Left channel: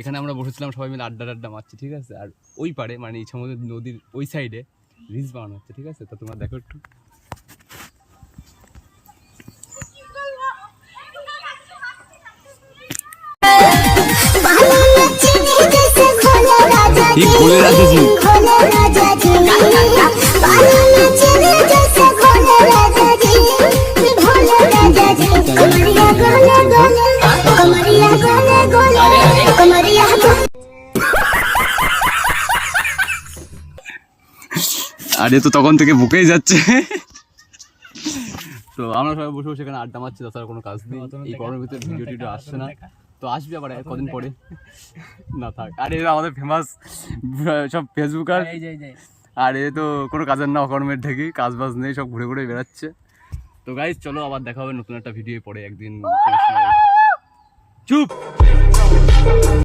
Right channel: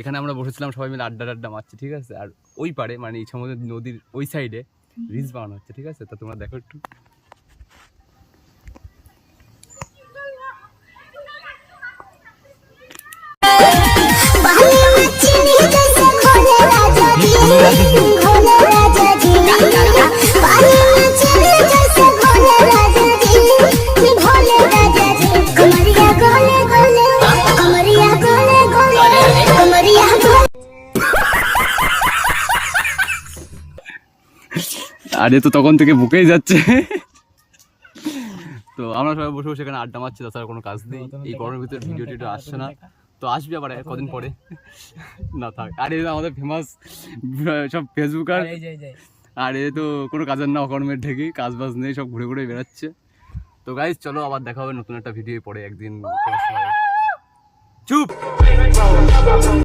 এখানে আমরা বসেছিলাম সবাই মিলে আড্ডা মারছি, ঠিক আছে। আর ওই পারে মানে ইছামতি নদীর ওই সাইডে রিলস বানানো হচ্ছে, ঠিক আছে। তো তোমরা দেখো একটু। আরে তো তখন থেকে বুকেই যাচ্ছে। তো আমরা সবাই বসে বসে এখানে আড্ডা মারছি, তাছাড়া কোনো কাজ নেই। এই গরমের ভিতরে ভিডিও টিডিও আসছে না, তো আসবে আবার কদিন পরে। না থাক। আর এই আমাদের ফেমাস সব ফেসবুকার, আর এ তো কোনো কাজের না, অকর্মের ঢেকি, কাজ বাজ নেই, সব ঘুরে ঘুরে বেড়াচ্ছে। তো গাইজ চলো আবার দেখা হবে নতুন একটা ভিডিও পরে একদিন। চুপ।